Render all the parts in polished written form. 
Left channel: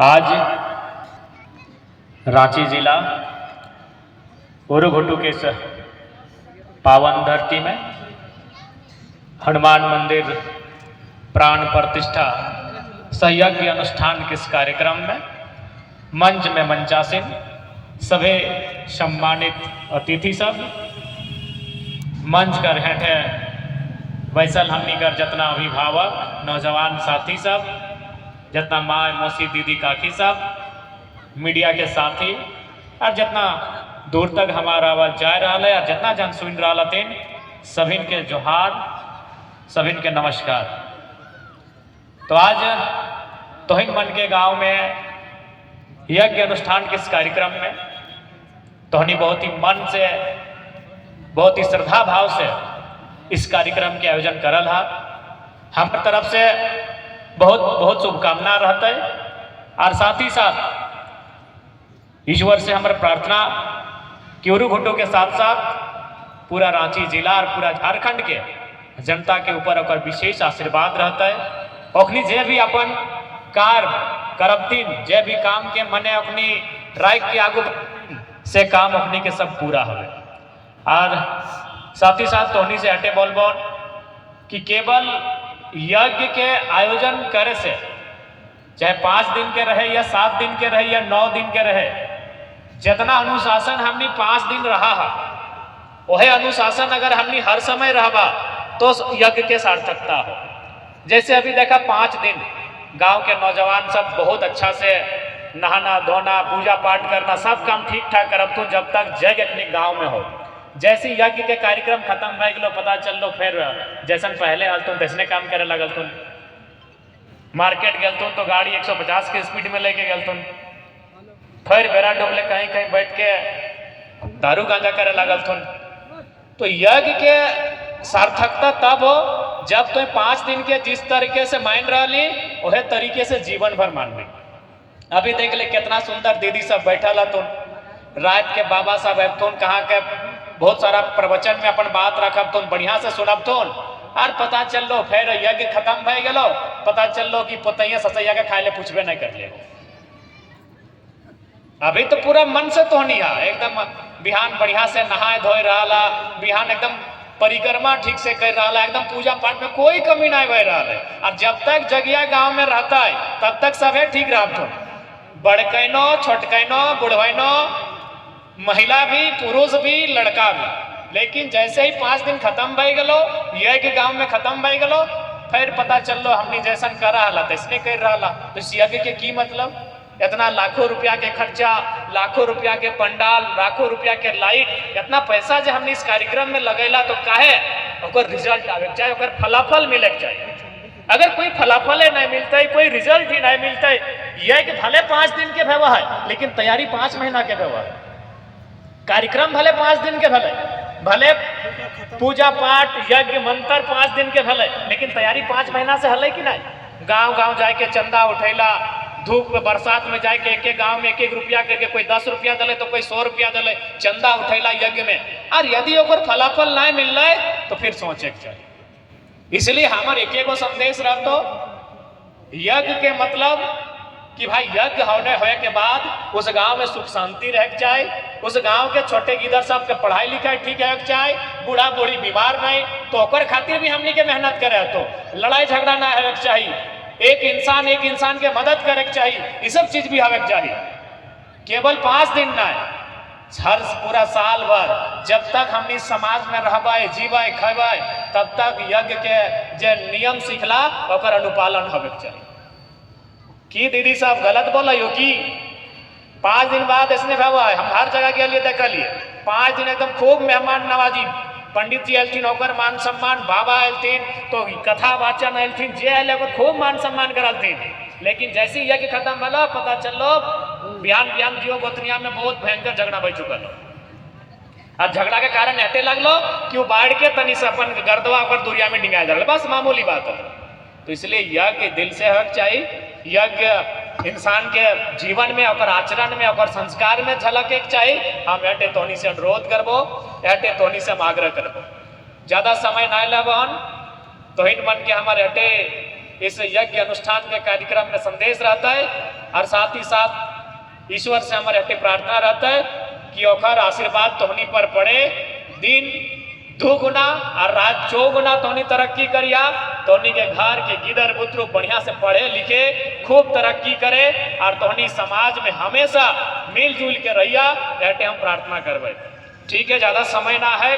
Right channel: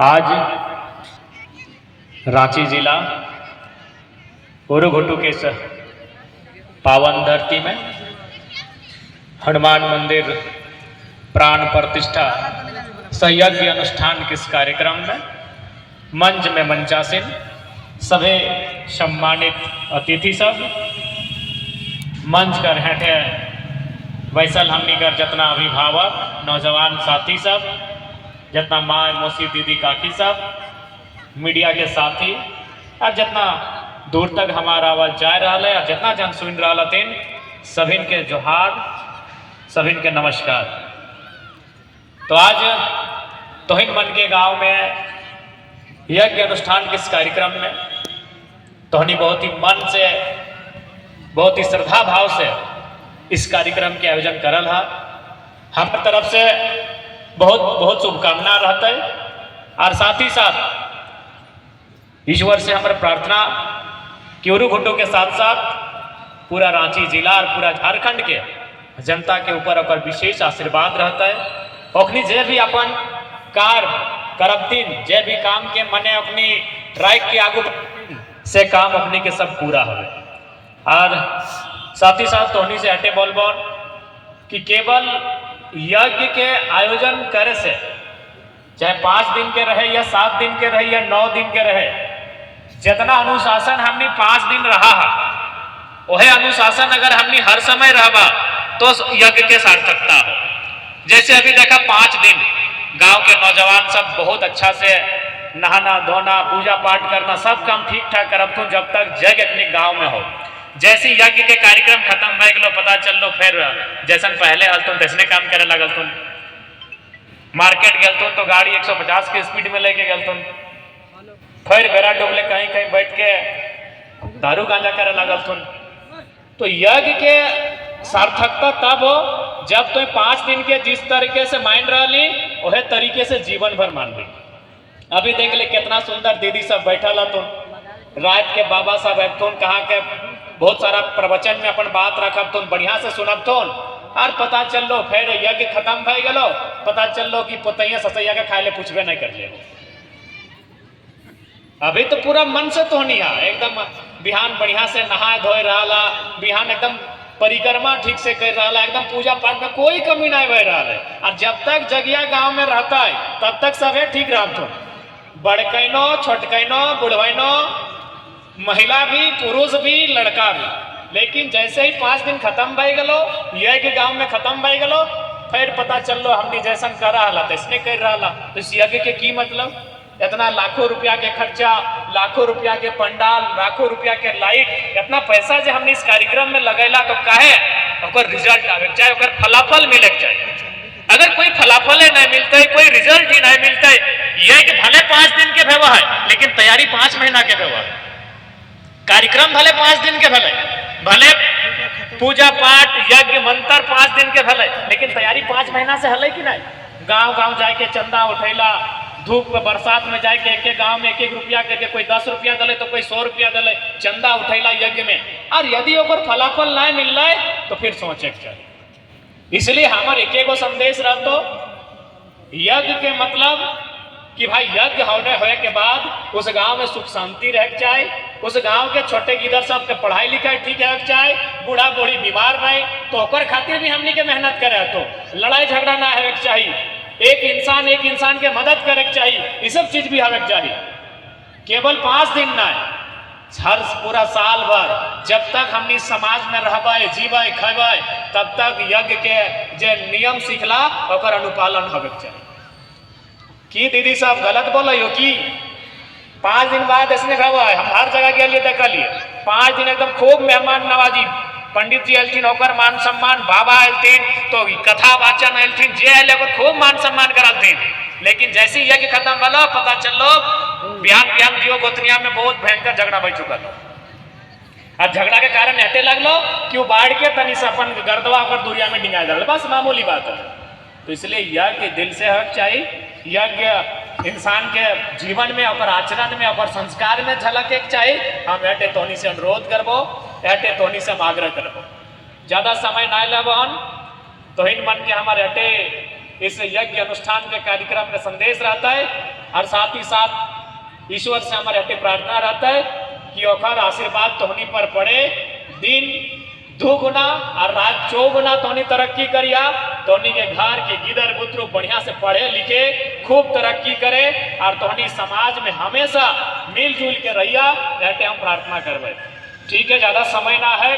आज रांची जिला उरुघुटू के पावन धरती में हनुमान मंदिर प्राण प्रतिष्ठा संयज्ञ अनुष्ठान के इस कार्यक्रम में मंच में मंचासीन सभी सम्मानित अतिथि सब मंच कर हेठे वैसल हमनी कर जितना अभिभावक नौजवान साथी सब जितना माँ मौसी दीदी काकी सब मीडिया के साथी और जितना दूर तक हमारा आवाज जा रहा है और जितना जन सुन रहा तीन सभी के जोहार सभी के नमस्कार। तो आज तोहिन मन के गांव में यज्ञ अनुष्ठान के इस कार्यक्रम में तोहनी बहुत ही मन से बहुत ही श्रद्धा भाव से इस कार्यक्रम के आयोजन करल है। हम तरफ से बहुत बहुत शुभकामना रहता है और साथ ही साथ ईश्वर से हमारे प्रार्थना कि उरुघुटू के साथ साथ पूरा रांची जिला और पूरा झारखंड के जनता के ऊपर और विशेष आशीर्वाद रहता है। अपनी जे भी अपन कार्य करबतीन जे भी काम के मने अपनी राइट के आगू से काम अपनी के सब पूरा हो। और साथ ही साथ तोहनी से हटे बोल कि केवल यज्ञ के आयोजन करे से चाहे 5 दिन के रहे या 7 दिन के रहे या 9 दिन के रहे, जितना अनुशासन हमने 5 दिन रहा है वह अनुशासन अगर हमने हर समय रहबा तो यज्ञ के सार्थकता हो। जैसे अभी देखा 5 दिन गांव के नौजवान सब बहुत अच्छा से नहाना धोना पूजा पाठ करना सब काम ठीक ठाक करब तो जब तक यज्ञ अपने गांव में हो। जैसे यज्ञ के कार्यक्रम खत्म भय गलो पता चल लो फिर जैसन पहले हलतुन तैसने काम करे लगलतुन, मार्केट गलतुन तो गाड़ी 150 की स्पीड में लेके गलतुन, फिर बेरा डुबले कहीं कहीं बैठ के दारू गांजा करे लगलतुन। तो यज्ञ के सार्थकता तब हो जब तुम 5 दिन के जिस तरीके से मान रही वह तरीके से जीवन भर मान ली। अभी देख ले कितना सुंदर दीदी सब बैठा ला तुम रात के बाबा साहब तुम कहाँ के बहुत सारा प्रवचन में अपन बात रखब तुम बढ़िया से सुनब तुम और पता चल लो फिर यज्ञ खत्म भय गलो पता चल लो कि पोतैया ससैया के खाए ले पूछबे नहीं कर ले। अभी तो पूरा मन से तोहनी है एकदम बिहान बढ़िया से नहाए धोए रहा बिहान एकदम परिक्रमा ठीक से कर रहा एकदम पूजा पाठ में कोई कमी नहीं बह रहा है। और जब तक जगिया गांव में रहता है तब तक सभी ठीक रहा तुम बड़कैनो छोटकैनो बुढ़वैनो महिला भी पुरुष भी लड़का भी। लेकिन जैसे ही 5 दिन खत्म भय गलो यज्ञ गांव में खत्म भय गलो फिर पता चल लो हमने जैसन कर रहा तैसने कर रहा। तो इस यज्ञ के की मतलब इतना लाखों रुपया के खर्चा लाखों रुपया के पंडाल लाखों रुपया के लाइट इतना पैसा जो हमने इस कार्यक्रम में लगेला तो काहे और रिजल्ट आवे चाहे और फलाफल मिले चाहिए। अगर कोई फलाफल नहीं मिलता है कोई रिजल्ट ही नहीं मिलता है यज्ञ भले 5 दिन के भेवा है लेकिन तैयारी 5 महीना के भेवा है। कार्यक्रम भले 5 दिन के भले पूजा पाठ यज्ञ मंत्र 5 दिन के भले लेकिन तैयारी 5 महीना से हले कि नहीं। गांव गांव जाके चंदा उठेला धूप में बरसात में जाके एक गांव में 1-1 रुपया के कोई 10 रुपया दले तो कोई 100 रुपया दले चंदा उठेला यज्ञ में। और यदि ओकर फलाफल नहीं मिल रहा है तो फिर सोचे चाहिए। इसलिए हमारे एक संदेश रह तो यज्ञ के मतलब कि भाई यज्ञ होने के बाद उस गांव में सुख शांति रह जाए, उस गांव के छोटे गिदर सब के पढ़ाई लिखाई ठीक रह जाए, बूढ़ा बूढ़ी बीमार नहीं तो ओकर खातिर भी हमनी के मेहनत करे तो लड़ाई झगड़ा ना होवे चाहिए, एक इंसान के मदद करे चाहिए, ये सब चीज भी होवे चाहिए। केवल 5 दिन ना हर पूरा साल भर जब तक हमनी समाज में रहबे जीवे खेबे तब तक यज्ञ के जे नियम सीखला ओकर अनुपालन होवे चाहिए। कि दीदी साहब गलत बोला यो कि 5 दिन बाद इसने हुआ है हम हर जगह के लिए देख लिए 5 दिन एकदम खूब मेहमान नवाजी पंडित जी अलथिन होकर मान सम्मान बाबा अलथिन तो कथा वाचन अलथिन जे आए खूब मान सम्मान करलथिन। लेकिन जैसे यज्ञ खत्म भलो पता चलो बिहान जियो गोतनिया में बहुत भयंकर झगड़ा बढ़ चुका लो और झगड़ा के कारण हटे लगलो कि वो बाढ़ के तनी से अपन गर्दवा पर दुनिया में डिंगा जा बस मामूली बात है। तो इसलिए यज्ञ दिल से हक चाहिए, यज्ञ इंसान के जीवन में और आचरण में और संस्कार में झलक एक चाहिए। हम एटे तोनी से अनुरोध करबो एटे तोनी से हम आग्रह करबो ज्यादा समय ना लेबन तो इन मन के हमारे एटे इस यज्ञ अनुष्ठान के कार्यक्रम में संदेश रहता है और साथ ही साथ ईश्वर से हमारे हटे प्रार्थना रहता है कि ओखर आशीर्वाद तोहनी पर पड़े, दिन दुगुना और रात चौगुना तोहनी तरक्की करिया, तोहनी के घर के गिदर बुतरू बढ़िया से पढ़े लिखे खूब तरक्की करे और तोहनी समाज में हमेशा मिलजुल के रहिया, ऐसे हम प्रार्थना करवे। ठीक है, ज़्यादा समय ना है।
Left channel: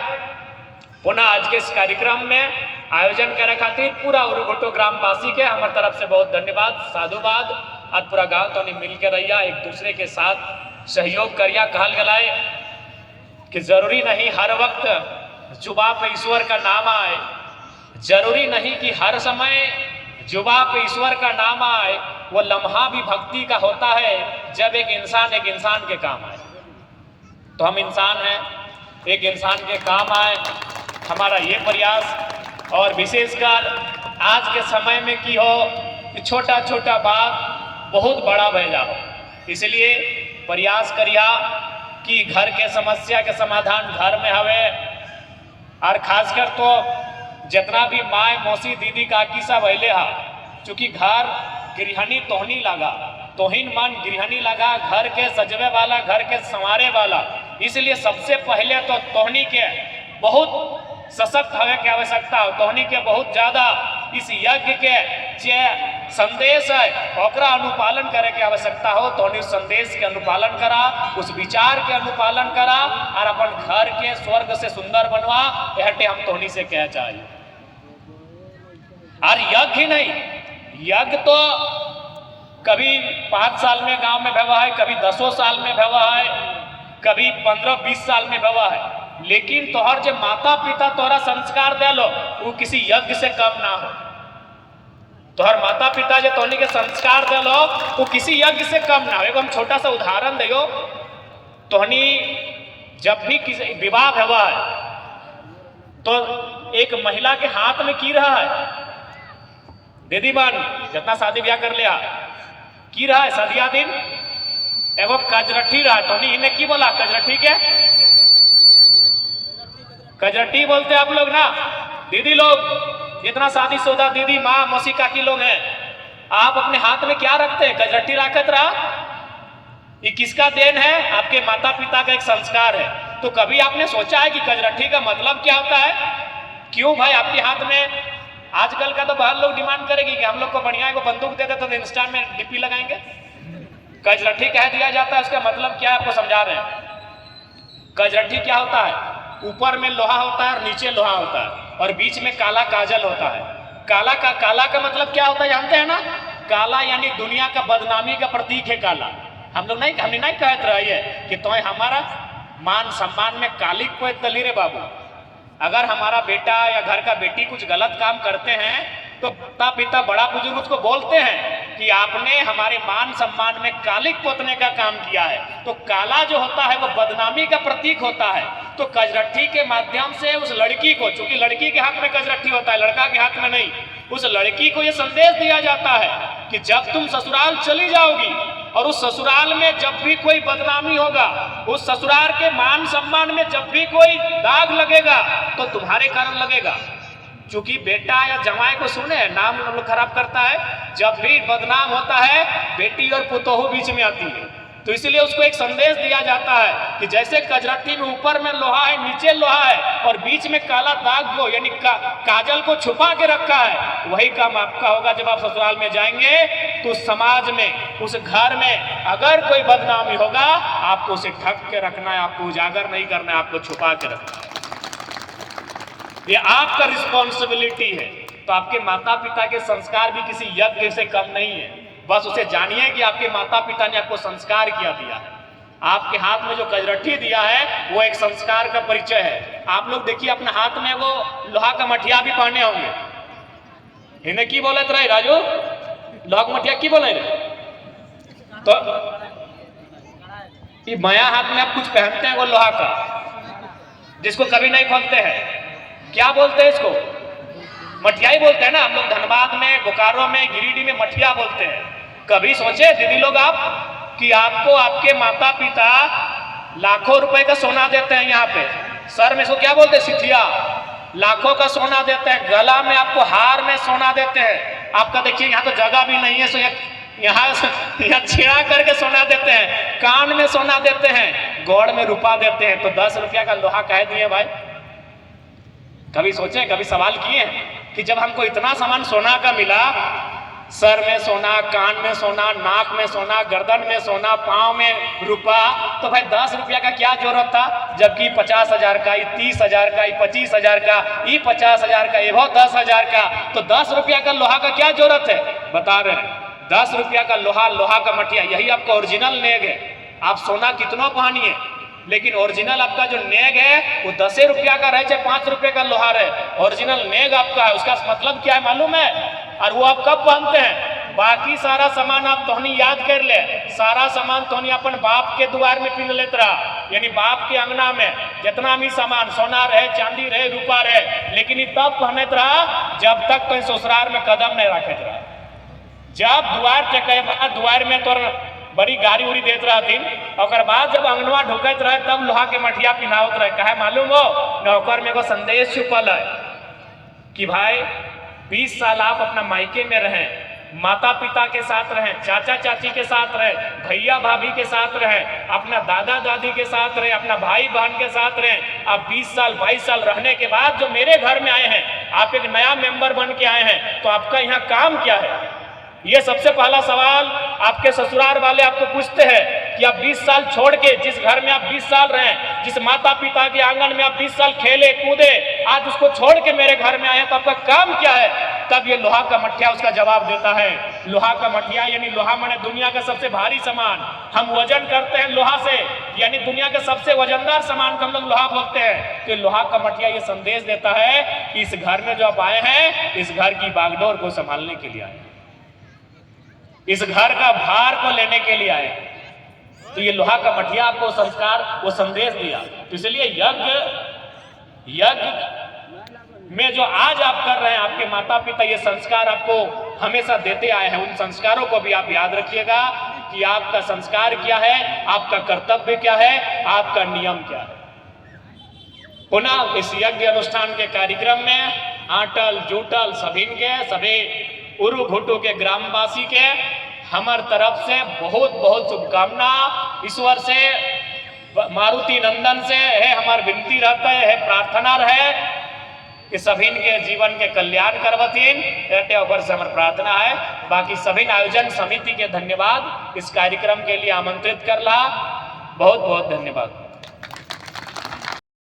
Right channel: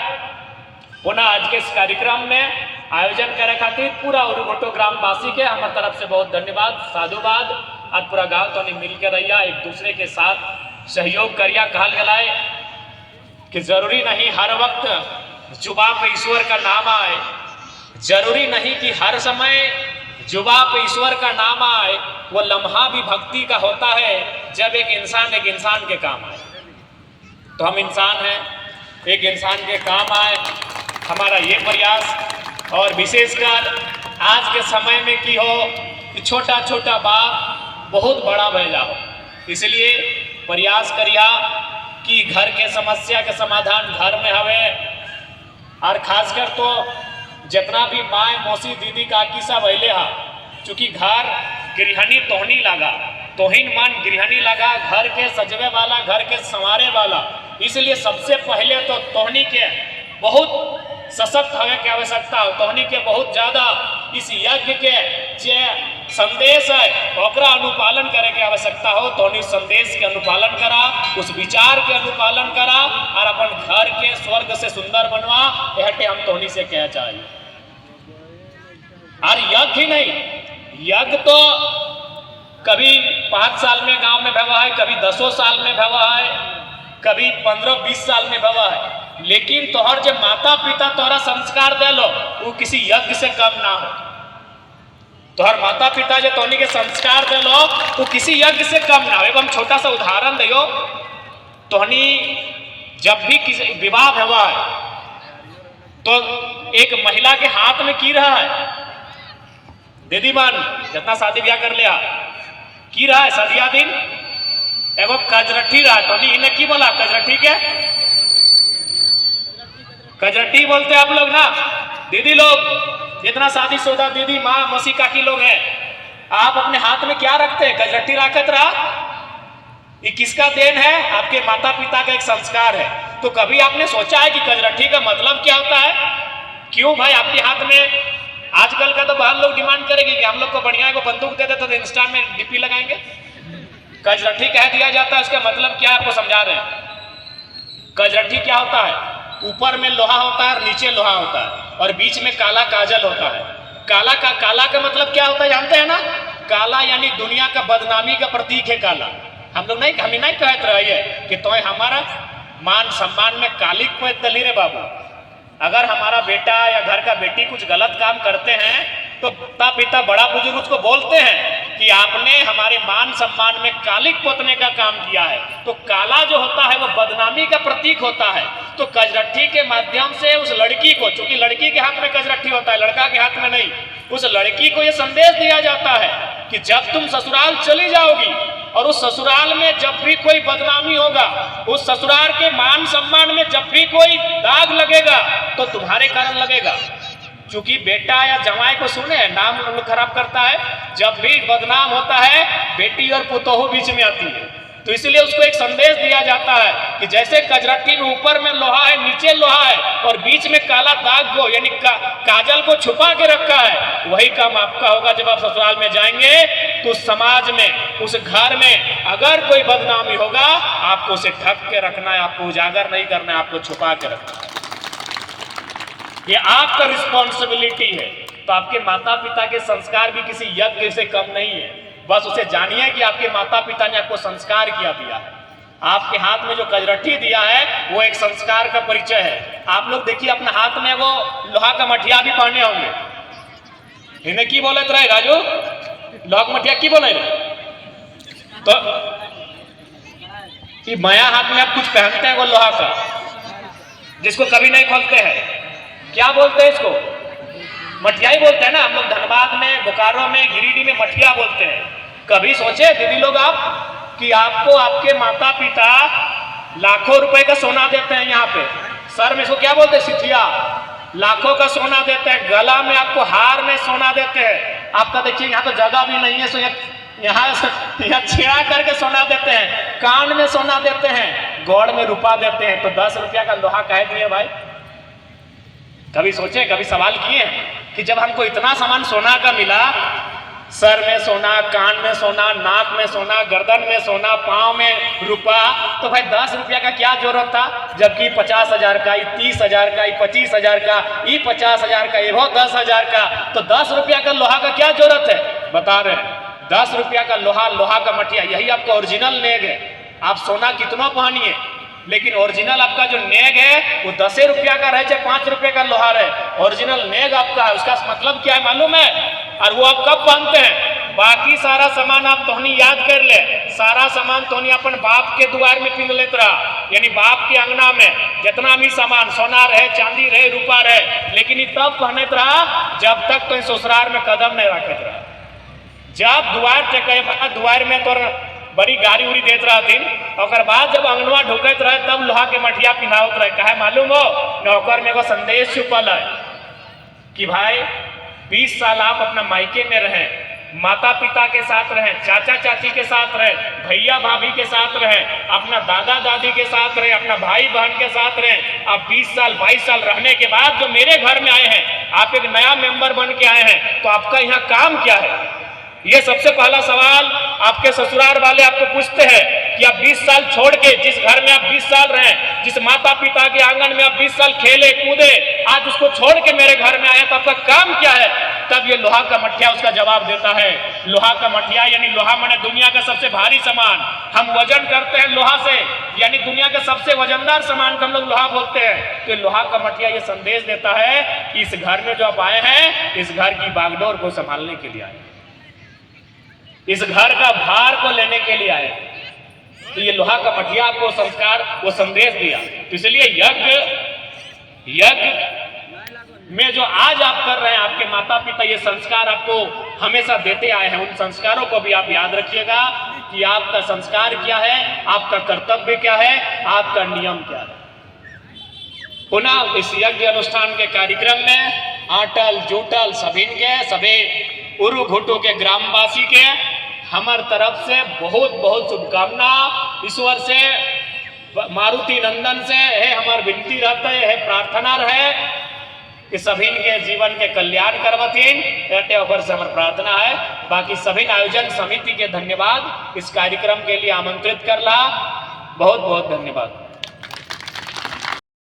पुनः आज के इस कार्यक्रम में आयोजन करे खातिर पूरा उरुघोटो ग्रामवासी के हमारे तरफ से बहुत धन्यवाद, साधुवाद। आज पूरा गांव तो नहीं मिल के रहिया, एक दूसरे के साथ सहयोग करिया। कहल गलाए कि जरूरी नहीं हर वक्त जुबा पे ईश्वर का नाम आए, जरूरी नहीं कि हर समय जुबा पे ईश्वर का नाम आए। वो लम्हा भी भक्ति का होता है जब एक इंसान के काम आए। तो हम इंसान हैं, एक इंसान के काम आए, हमारा ये प्रयास। और विशेषकर आज के समय में की हो कि छोटा छोटा बात बहुत बड़ा भैया हो, इसलिए प्रयास करिया कि घर के समस्या के समाधान घर में हवे। और खासकर तो जितना भी माँ मौसी दीदी काकी सब अले हा, चूँकि घर गृहणी तोहनी लगा, तोहिन मन गृहणी लगा, घर के सजवे वाला, घर के संवारे वाला। इसलिए सबसे पहले तो तोहनी के बहुत सशक्त होने की आवश्यकता हो, तोहनी के बहुत ज्यादा इस यज्ञ के जे संदेश है ओकरा अनुपालन करे के आवश्यकता हो। तोहनी उस संदेश के अनुपालन करा, उस विचार के अनुपालन करा और अपन घर के स्वर्ग से सुंदर बनवा। यह हम तोहनी से कह चाहिए। और यज्ञ ही नहीं, यज्ञ तो कभी 5 साल में गांव में भवा है, कभी 10 साल में भवा है, कभी 15-20 साल में भवा है। लेकिन तोहर जो माता पिता तोहरा संस्कार दे लो वो किसी यज्ञ से कम ना हो। तोहर माता पिता जो तोहनी के संस्कार दे लो वो किसी यज्ञ से कम ना हो। एवं छोटा सा उदाहरण दियो, तोहनी जब भी किसी विवाह भवा है तो एक महिला के हाथ में की रहा है, दीदी बन जितना शादी ब्याह कर लिया की रहा है सदिया दिन एगो कजरठी रहा है। तोहनी इन्हें की बोला कजरठी के, कजरठी बोलते आप लोग ना। दीदी लोग जितना शादीशुदा दीदी माँ मौसी काकी लोग हैं, आप अपने हाथ में क्या रखते हैं? कजरठी रखत रहा। ये किसका देन है? आपके माता पिता का एक संस्कार है। तो कभी आपने सोचा है कि कजरठी का मतलब क्या होता है? क्यों भाई आपके हाथ में? आजकल का तो बहुत लोग डिमांड करेगी कि हम लोग को बढ़िया को बंदूक दे देते तो इंस्टा में डीपी लगाएंगे। कजरठी कह दिया जाता है, उसका मतलब क्या आपको समझा रहे हैं। कजरठी क्या होता है? ऊपर में लोहा होता है और नीचे लोहा होता है और बीच में काला काजल होता है। काला का मतलब क्या होता है जानते हैं ना? काला यानी दुनिया का बदनामी का प्रतीक है काला। हम नहीं कहते रहिए कि तो हमारा मान सम्मान में कालिक को दली रे बाबू। अगर हमारा बेटा या घर का बेटी कुछ गलत काम करते हैं तो माता पिता बड़ा बुजुर्ग उसको बोलते हैं कि आपने हमारे मान सम्मान में कालिक पोतने का काम किया है। तो काला जो होता है वो बदनामी का प्रतीक होता है। तो कजरठी के माध्यम से उस लड़की को, चूंकि लड़की के हाथ में कजरठी होता है, लड़का के हाथ में नहीं, उस लड़की को ये संदेश दिया जाता है कि जब तुम ससुराल चली जाओगी और उस ससुराल में जब भी कोई बदनामी होगा, उस ससुराल के मान सम्मान में जब भी कोई दाग लगेगा तो तुम्हारे कारण लगेगा। चूंकि बेटा या जमाई को सुने नाम लोग खराब करता है, जब भी बदनाम होता है बेटी और पुतोहू बीच में आती है। तो इसलिए उसको एक संदेश दिया जाता है कि जैसे कजरठी में ऊपर में लोहा है, नीचे लोहा है और बीच में काला दाग को यानी काजल को छुपा के रखा है, वही काम आपका होगा जब आप ससुराल में जाएंगे। तो उस समाज में, उस घर में अगर कोई बदनामी होगा आपको उसे ढक के रखना है, आपको उजागर नहीं करना है, आपको छुपा के रखना है। ये आपका रिस्पॉन्सिबिलिटी है। तो आपके माता पिता के संस्कार भी किसी यज्ञ से कम नहीं है। बस उसे जानिए कि आपके माता पिता ने आपको संस्कार किया दिया है। आपके हाथ में जो कजरठी दिया है वो एक संस्कार का परिचय है। आप लोग देखिए अपने हाथ में वो लोहा का मठिया भी पहने होंगे। इन्हें की बोले रहे राजू, लोहा का मठिया की बोले? तो ये माया हाथ में आप कुछ पहनते हैं वो लोहा का, जिसको कभी नहीं खोलते हैं। क्या बोलते हैं इसको? मठिया ही बोलते हैं ना। हम लोग धनबाद में, बोकारो में, गिरिडीह में मठिया बोलते हैं। कभी सोचे दीदी लोग आप कि आपको आपके माता पिता लाखों रुपए का सोना देते हैं, यहाँ पे सर में इसको क्या बोलते हैं? सिथिया। लाखों का सोना देते हैं, गला में आपको हार में सोना देते हैं। आपका देखिए यहाँ तो जगह भी नहीं है, सो यहाँ छेड़ा करके सोना देते हैं, कान में सोना देते हैं, गौड़ में रुपा देते हैं। तो 10 रुपया का लोहा कह दिए भाई? कभी सोचे, कभी सवाल किए कि जब हमको इतना सामान सोना का मिला, सर में सोना, कान में सोना, नाक में सोना, गर्दन में सोना, पाँव में रुपा, तो भाई 10 रुपया का क्या जरूरत था? जबकि 50,000 का, 30,000 का, 25,000 का, 50,000 का, ये 10,000 का, तो 10 रुपया का लोहा का क्या जरूरत है? बता रहे हैं 10 रुपया का लोहा, लोहा का मटिया, यही आपका ओरिजिनल नेग है। आप सोना कितना पहनिए, लेकिन ओरिजिनल आपका जो नेग है वो 10 रुपया का रहे, चाहे 5 रुपये का लोहार है, ओरिजिनल नेग आपका है। उसका मतलब क्या है मालूम है? और वो आप कब पहनते हैं? बाकी सारा सामान आप तोहनी याद कर ले, सारा सामान तोहनी अपन बाप के द्वार में पीन लेत रहा, यानी बाप के अंगना में जितना भी सामान सोना रहे, चांदी रहे, रूपा रहे, लेकिन ये तब पहनत रहा जब तक तो ससुराल में कदम नहीं रखत रहा। जब द्वार टेके द्वार में तो बड़ी गाड़ी उड़ी देत रहा दिन, और बाद जब अंगनवा ढुकत रहे तब लोहा के मठिया पिनावत रहे। कहे मालूम हो? नौकर में एगो संदेश छुपल है कि भाई 20 साल आप अपना मायके में रहे, माता पिता के साथ रहे, चाचा चाची के साथ रहे, भैया भाभी के साथ रहे, अपना दादा दादी के साथ रहे, अपना भाई बहन के साथ रहे। आप 20 साल 22 साल रहने के बाद जो मेरे घर में आए हैं, आप एक नया मेंबर बन के आए हैं, तो आपका यहाँ काम क्या है? ये सबसे पहला सवाल आपके ससुराल वाले आपको पूछते हैं कि आप 20 साल छोड़ के, जिस घर में आप 20 साल रहे, जिस माता पिता के आंगन में आप 20 साल खेले कूदे, आज उसको छोड़ के मेरे घर में आए, तो आपका काम क्या है? तब ये लोहा का मठिया उसका जवाब देता है। लोहा का मठिया यानी लोहा माने दुनिया का सबसे भारी सामान, हम वजन करते हैं लोहा से, यानी दुनिया के सबसे वजनदार सामान को हम लोग लोहा बोलते हैं। तो लोहा का मठिया ये संदेश देता है कि इस घर में जो आप आए हैं, इस घर की बागडोर को संभालने के लिए आए, इस घर का भार को लेने के लिए आए। तो ये लोहा का मठिया आपको संस्कार, वो संदेश दिया। तो इसलिए यज्ञ में जो आज आप कर रहे हैं, आपके माता पिता ये संस्कार आपको हमेशा देते आए हैं। उन संस्कारों को भी आप याद रखिएगा कि आपका संस्कार क्या है, आपका कर्तव्य क्या है, आपका नियम क्या है। पुनः इस यज्ञ अनुष्ठान के कार्यक्रम में आटल जुटल सभी उरु घुटू के ग्रामवासी के हमार तरफ से बहुत बहुत शुभकामना। ईश्वर से, मारुति नंदन से है हमार विनती रहता है, प्रार्थना रहे कि सभी के जीवन के कल्याण करवतीन, रहते ऊपर से हमार प्रार्थना है। बाकी सभी आयोजन समिति के धन्यवाद, इस कार्यक्रम के लिए आमंत्रित करला, बहुत बहुत धन्यवाद।